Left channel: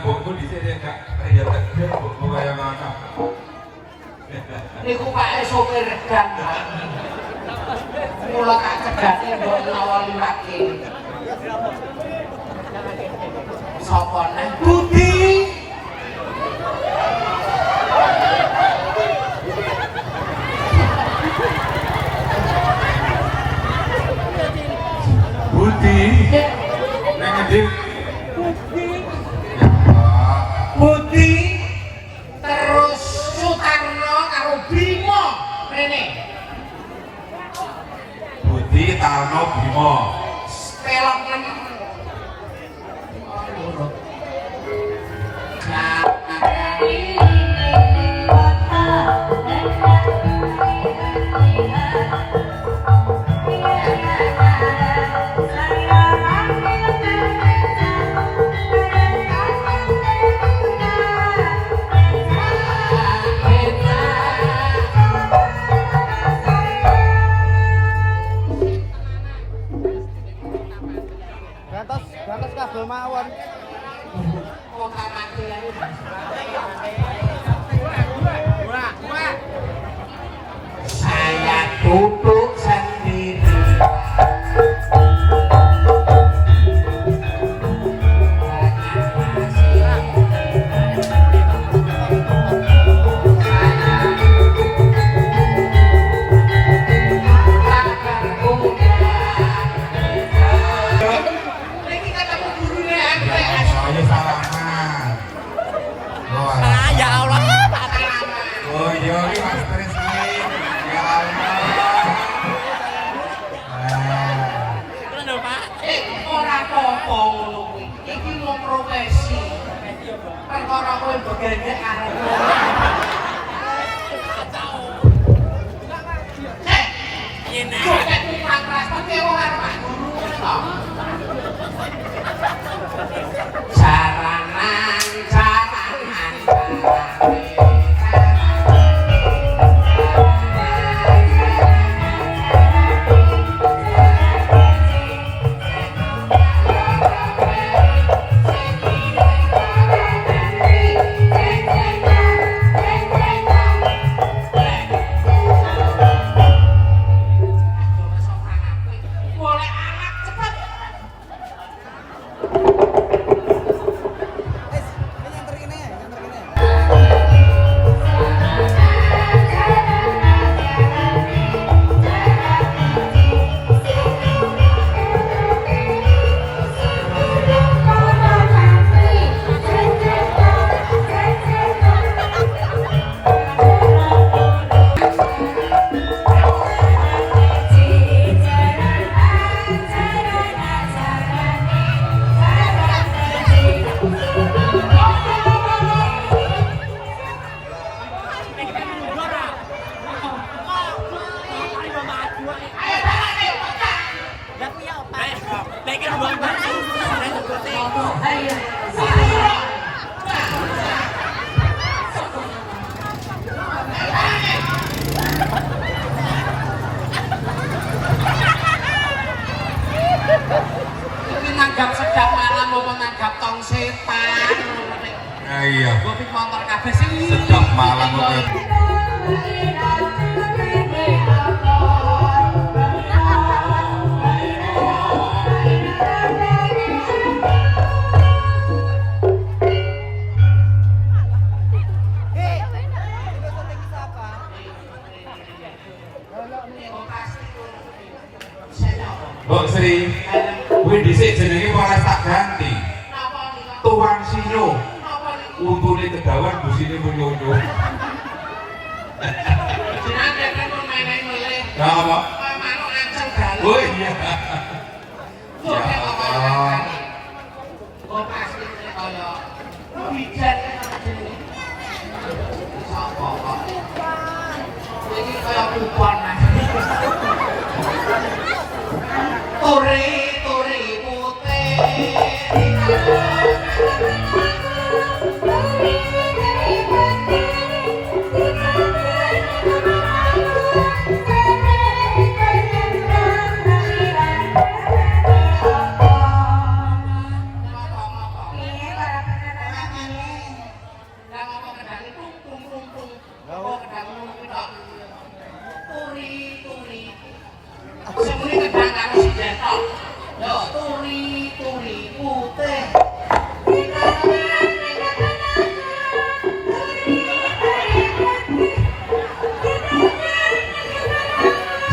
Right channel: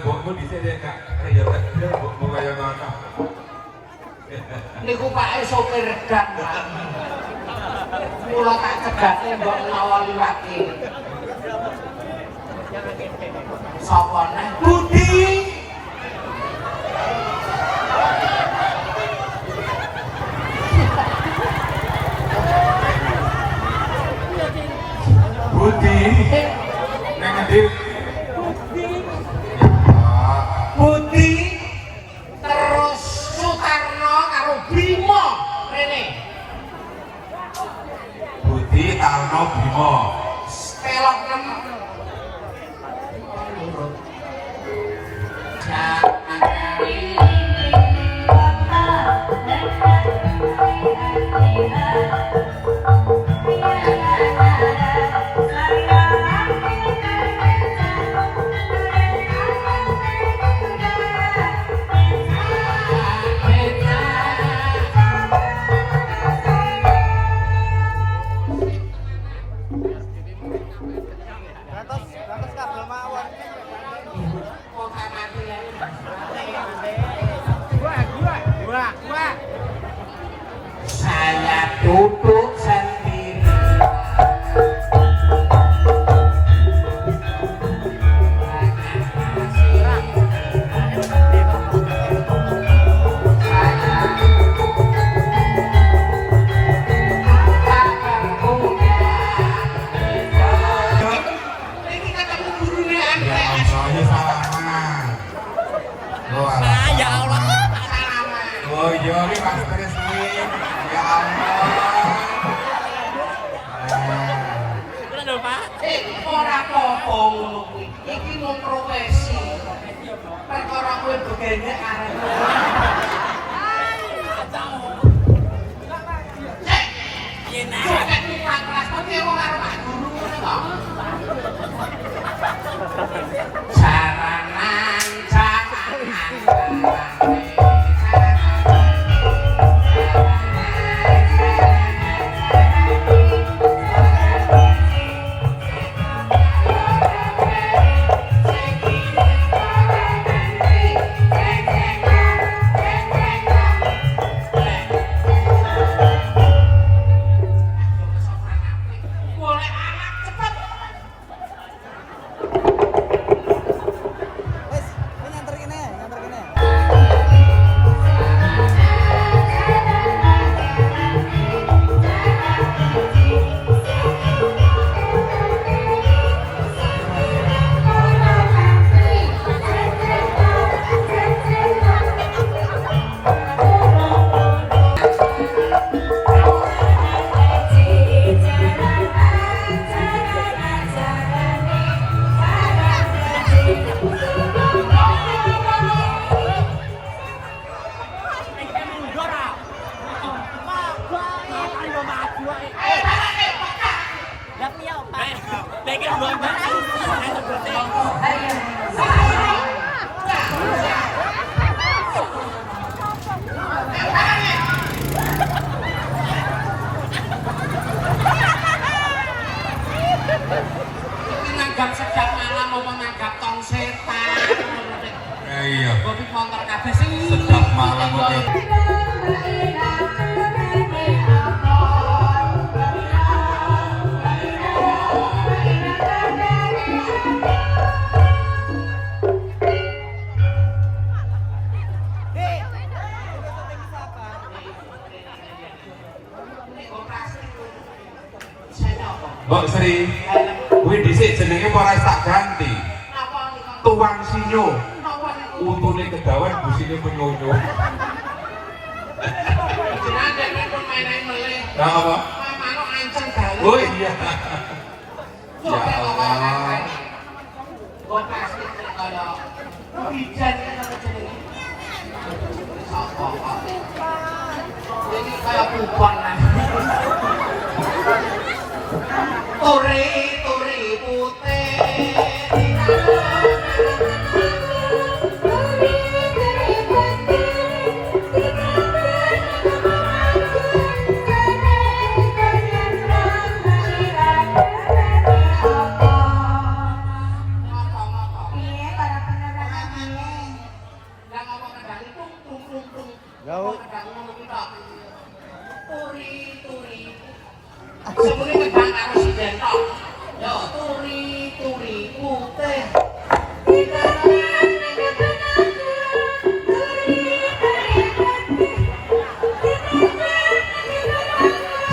mbokku dhisik ya gak kaya tegel mbokku kaya ngono. Niku Pak sopir dan mula tak cegane mbok nawal liwake. Sapa neh Budi? Budi. Nang ndi? Budi terus Sutarno karo Bimo rene. Budi Tarno Bimo. Pelok 6. Saya duduk sendiri. Ya Allah. Oh iya, ini Mas Trisni. Ya Allah. Kurang dong, Pak. Ora apa-apa ngono kuwi. Iki mung profesi. Perkara kowe begene arep. Enak. Nek kurang keras tapi wong arep Pak Guru ngono to. Jaranan nanggap sedap malam apa nanggap tong setan. Ya iya. Kok motor kabeh sing Sedap malam kok. Mbok Sri, kuwi dhisik jenenge ora tak ganti. Tuan Sinyo. Untune kedawan busine menyonyo. Jenenge kan pemaine meleh. Apa? Manuk anceng dalan. Oh iya. Ya Allah. Kok pasti kaya hujan apa jenenge? Apa kok? Ini kaya kuban. Turi putih. tok. Yo turi putih.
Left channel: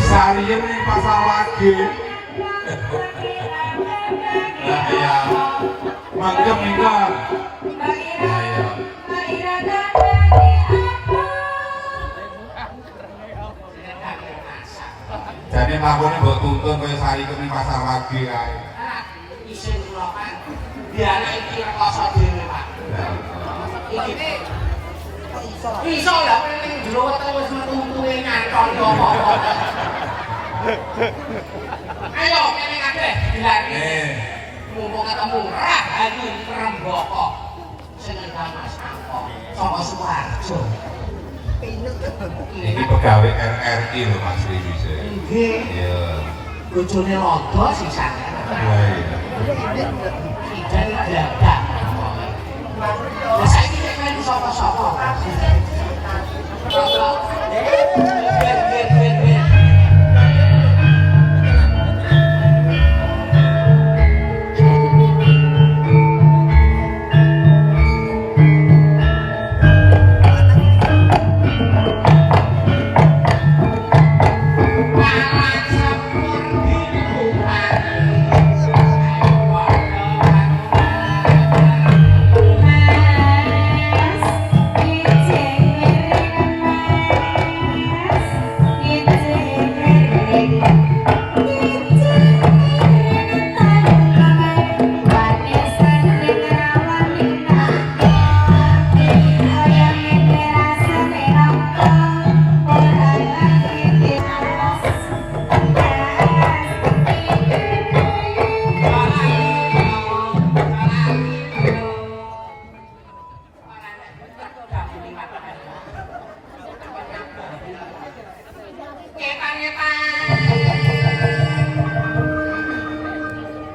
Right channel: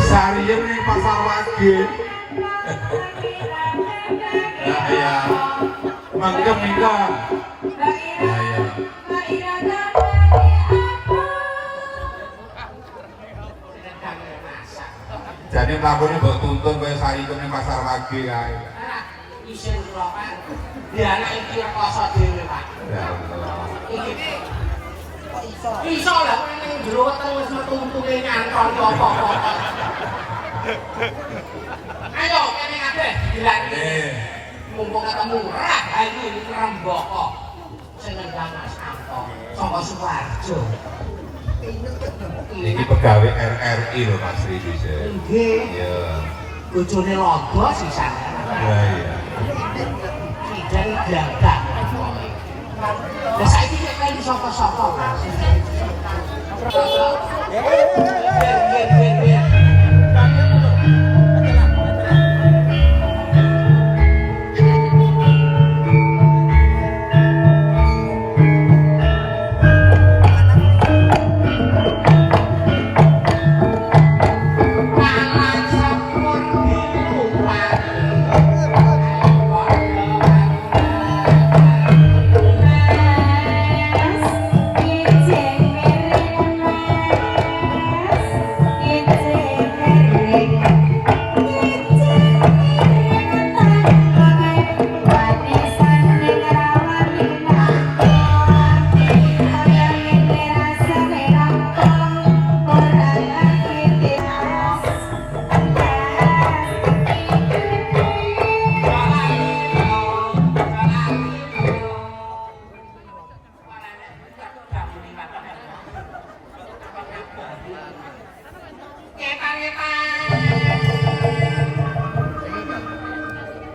Sariyen ning pasar lagi. Lah ya. Mangkem nika. Jadi lakoni mbok tuntun kaya Sariyen ning pasar lagi kae. Isin kula Pak. Dia anak iki rekoso dhewe Pak. Iki kok iso lah kowe ning jero weteng wis metu-metuwe nyantol to apa. Ayo kene kabeh dilari. Mumpung ketemu Rahani Remboko. Sing ngendang Mas Anto saka Sukoharjo. Iki pegawai RRI lho Mas Ribise. Nggih. Iya. Bojone londo sisan. Iya. Ijen gagah. Lah saiki nek kan sapa-sapa.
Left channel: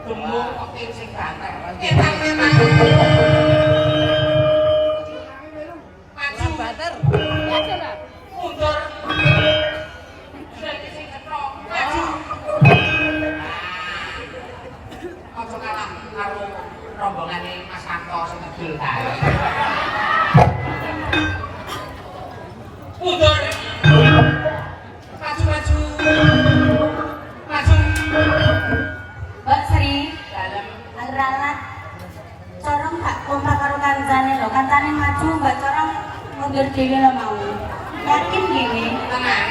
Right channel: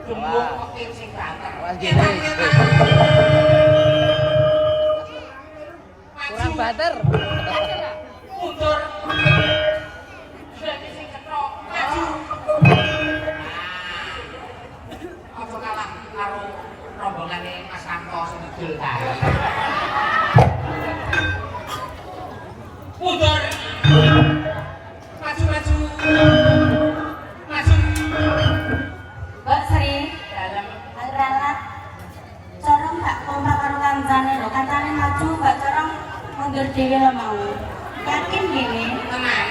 Demung peking sing banter. Maju. Mundur. Sudah sing ketok. Maju. Aja kalah karo rombongane Mas Kanto sing ngidul kae. Mundur. Maju. Mbak Sri, Dalam ralat corong gak kompak karo kancane lho, kancane maju gak corong mundur dhewe lho mau. Yakin gini? tenang.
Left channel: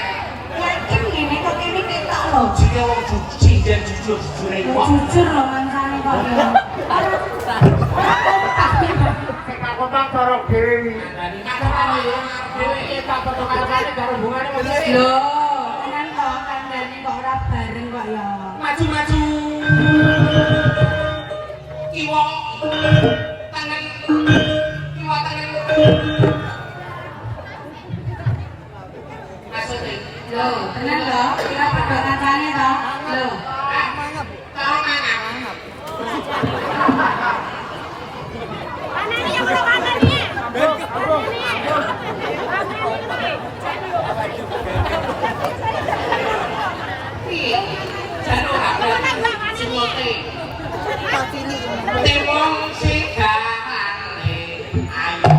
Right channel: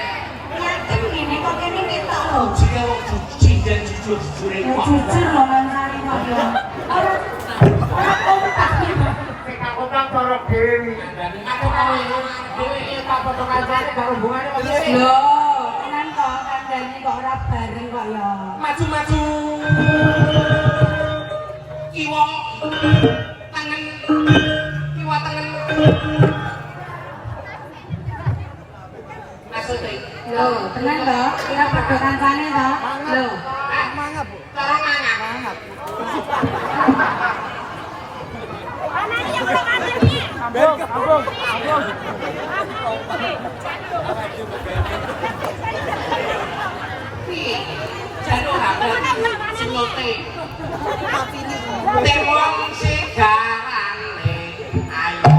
Yakin gini kok kene ketok lho. Jika wong jinjen jujur-jujure Ya kok. jujur lho kancane kok ya. Ora kompak. Kompak corok dewi. Ngandani apa kok dhewe tak foto kancane karo hubungane kok. Lho, tenan kok kandhane kok ora bareng kok ya. Maju. Kiwa tangan. Maksudnya. Lho, tenan kok kira padha kancane to. Lho. Tolong mangan. Piye? Jaluk apa? Semuti. Wong sing garane ayo.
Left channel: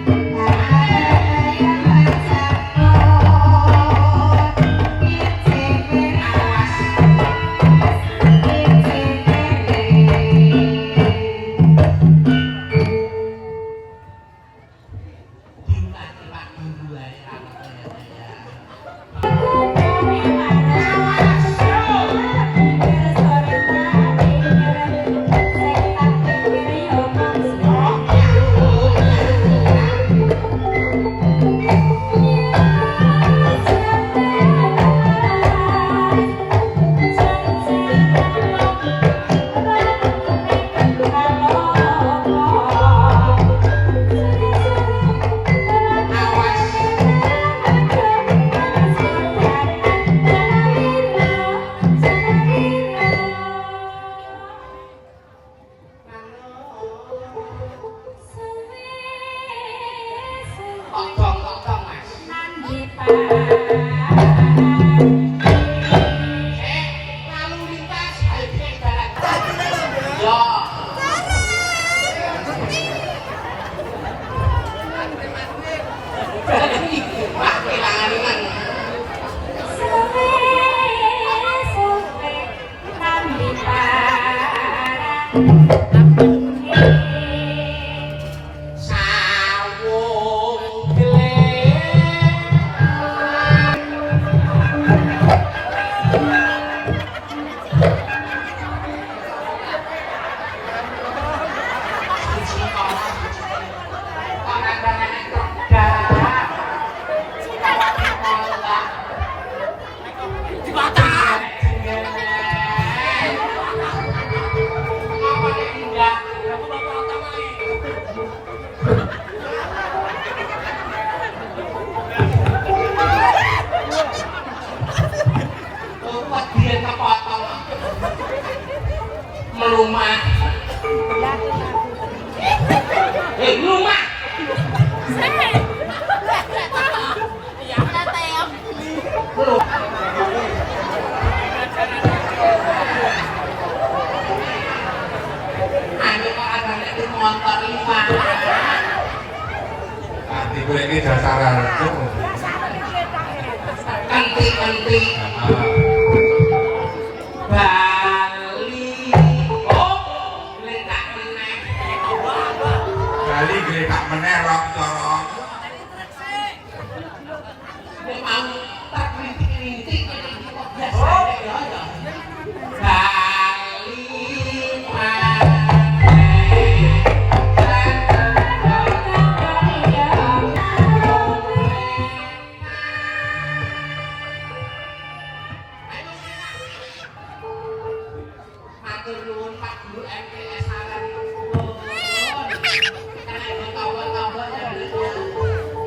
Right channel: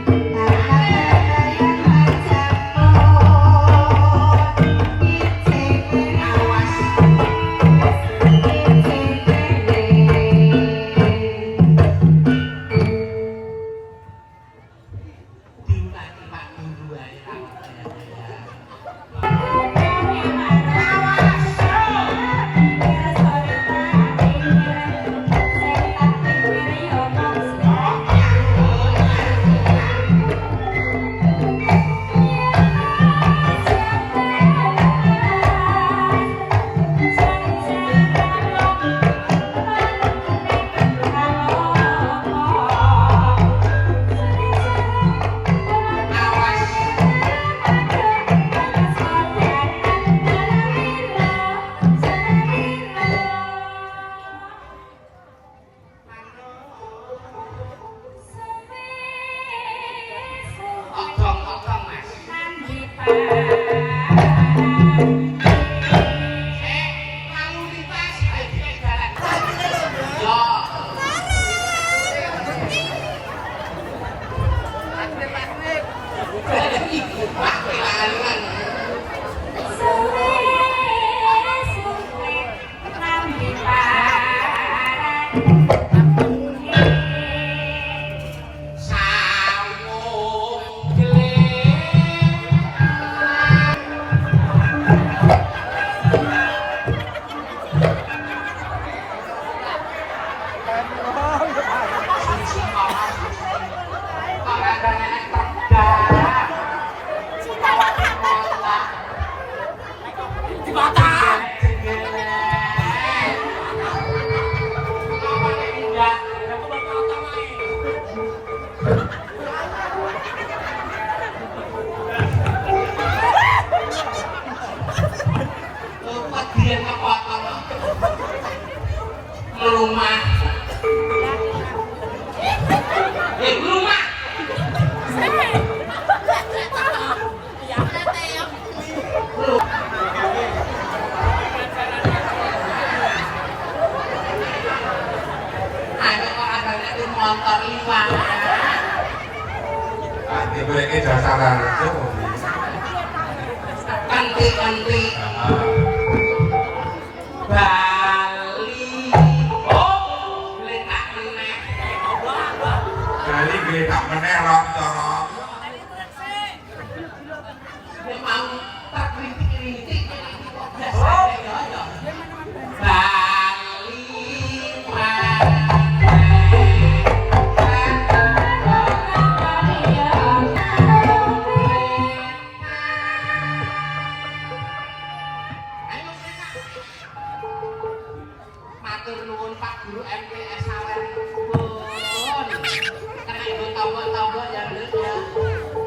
Thank you. Ya, tetem. Aku kok ada itu motor Ivan. Nanti gue ini dasar itu. Enti Bali. Oh, letak meneh. Kali gue tak meneh rok corok. Memang tak rintik-rintik. Biasanya Bali. Matur nuwun Pak Guru MTS Saren. Karena tombol-tombol dari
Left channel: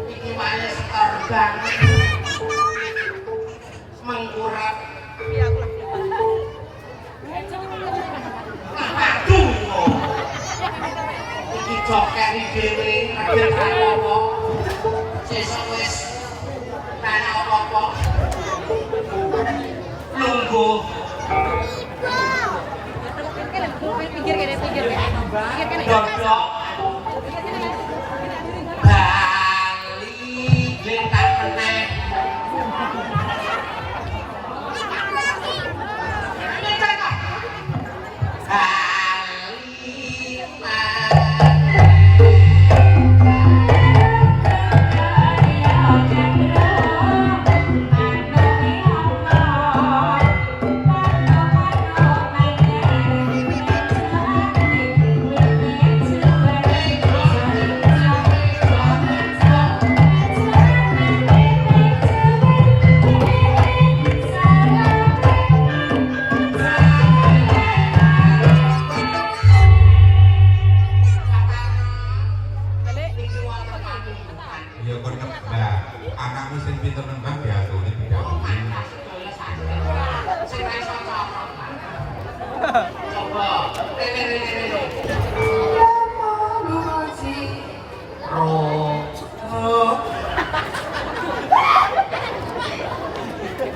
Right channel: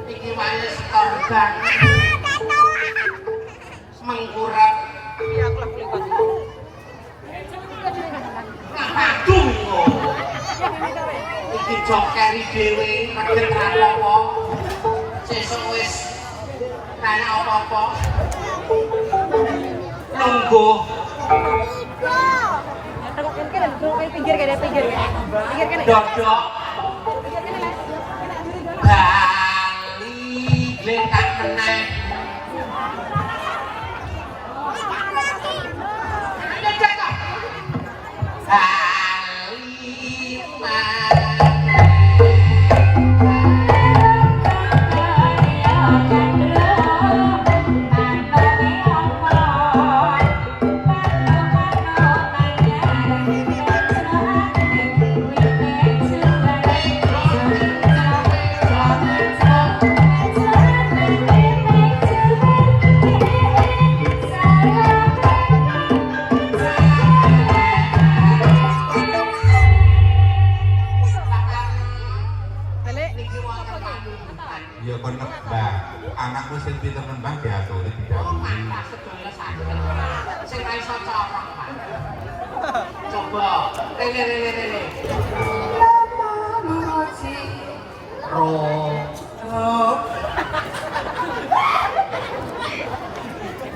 iki wae korban. Mengurap. Aduh. Iki joker dhewe mager kan apa. Sesuk wis ana apa-apa. Lungguh. Pinggir kan. Dodok Bali letak meneh. Bali Ya bener. Nah, anakku sing ditemen ya aku iki didhawuhi. sing iso colok, Pak. Coba. Rene.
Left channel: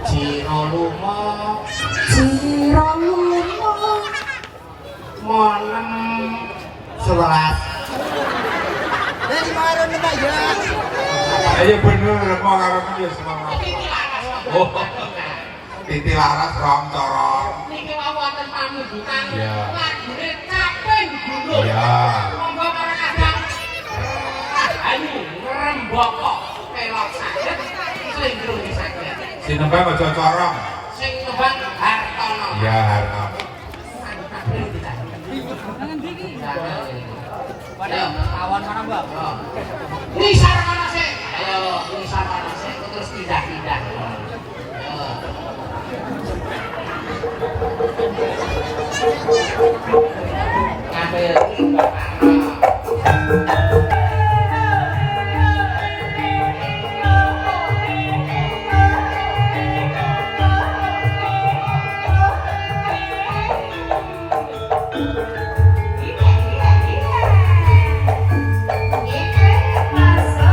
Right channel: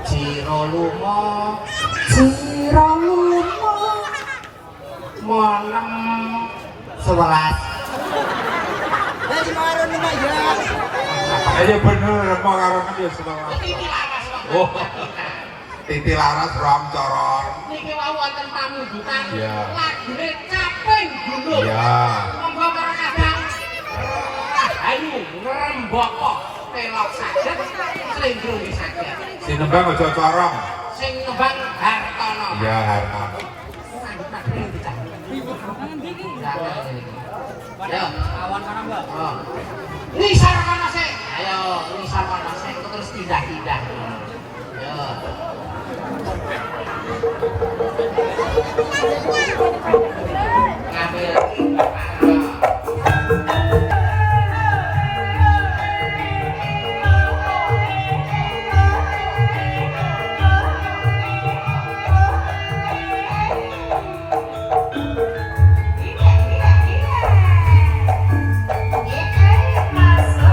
Ciro lumo malam 11. Dari marun Pak ya. Ayo bener mau karo kan ya semangat. Oh. Titi laras rong corong. Niki mau wonten pamujudkan. Iya. Lagune kaping dulu. Iya. Monggo para kadang. Ayo ngrembok kok pelok saged, slinggul saged. Si nembang aja corong. Sing nembang Hartono. Iya, Hartono. Tawan mana Mbak? Nisar mana sih? Nisar mana sih? Terus tidak. Masuk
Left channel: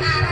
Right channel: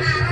Nah,